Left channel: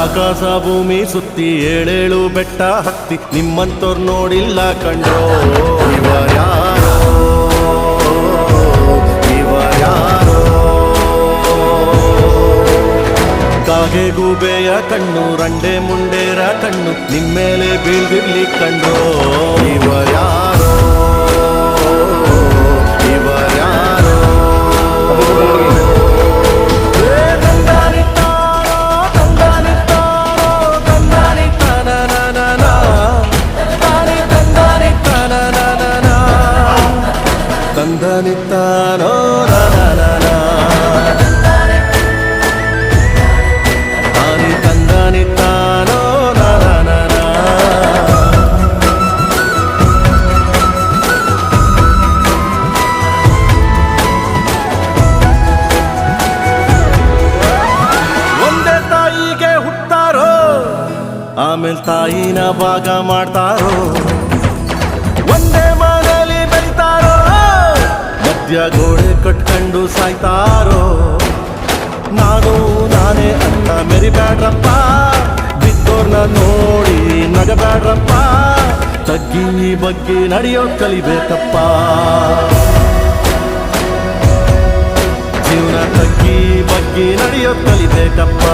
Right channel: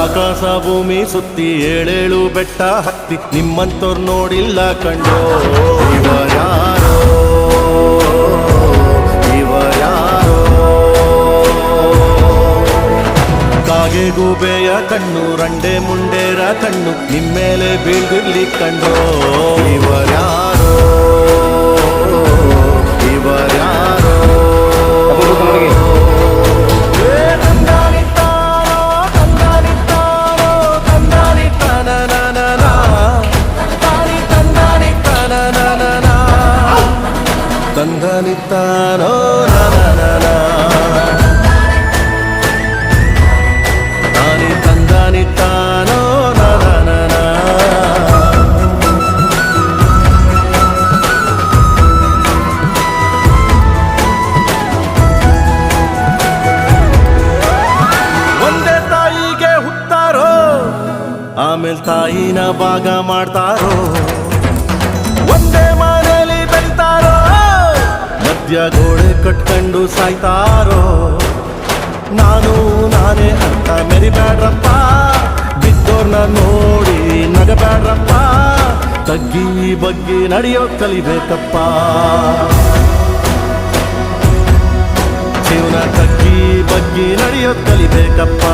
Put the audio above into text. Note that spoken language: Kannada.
ಆಕಾಶ ಭೂಮಿ ಸುತ್ತಿ ಏಳೇಳು ಬೆಟ್ಟ ಹತ್ತಿ ನಿಮ್ಮಂತೋರ್ ನೋಡಿಲ್ಲ ಕಂಡ್ರೋ ಇವರ್ಯಾರೋ ಇವರ್ಯಾರೋ ಕಾಗೆ ಗೂಬೆಯ ಕಣ್ಣು ರಂಡೆ ಮುಂಡೇರ ಕಣ್ಣು ನಿಮ್ಮೇಲೆ ಬೀಳ್ದಿರ್ಲಿ ಕಂಡ್ರೋ ಇವರ್ಯಾರೋ ಇವರ್ಯಾರೋ ತಂದನಿತ್ತಾನೋ ನನ ತಾನಿ ತಂದನಿತ್ತಾನೋ ನನ ಒಂದೇ ತಾಯಿಗೆ ಹುಟ್ಟಾರೋ ಆಮೇಲೆ ತಾಯಿನ ಭಾಗ ಮಾಡ್ತಾರೋ ಒಂದೇ ಮನೆಯಲ್ಲಿ ಬೆಳಿತಾರೋ ಮಧ್ಯ ಗೋಡೆ ಕಟ್ಕೊಂಡು ಸಾಯ್ತಾರೋ ನಾನು ನಾನೇ ಅಂತ ಮೆರಿಬ್ಯಾಡ್ರಪ್ಪ ಬಿದ್ದೋರ್ನ ನೋಡಿ ನಗಬ್ಯಾಡ್ರಪ್ಪ ತಗ್ಗಿ ಬಗ್ಗಿ ನಡೆಯೋದ್ ಕಲಿಬೇಕಪ್ಪ ಜೀವನ ತಗ್ಗಿ ಬಗ್ಗಿ ನಡೆಯೋದ್ ಕಲಿಬೇಕಪ್ಪ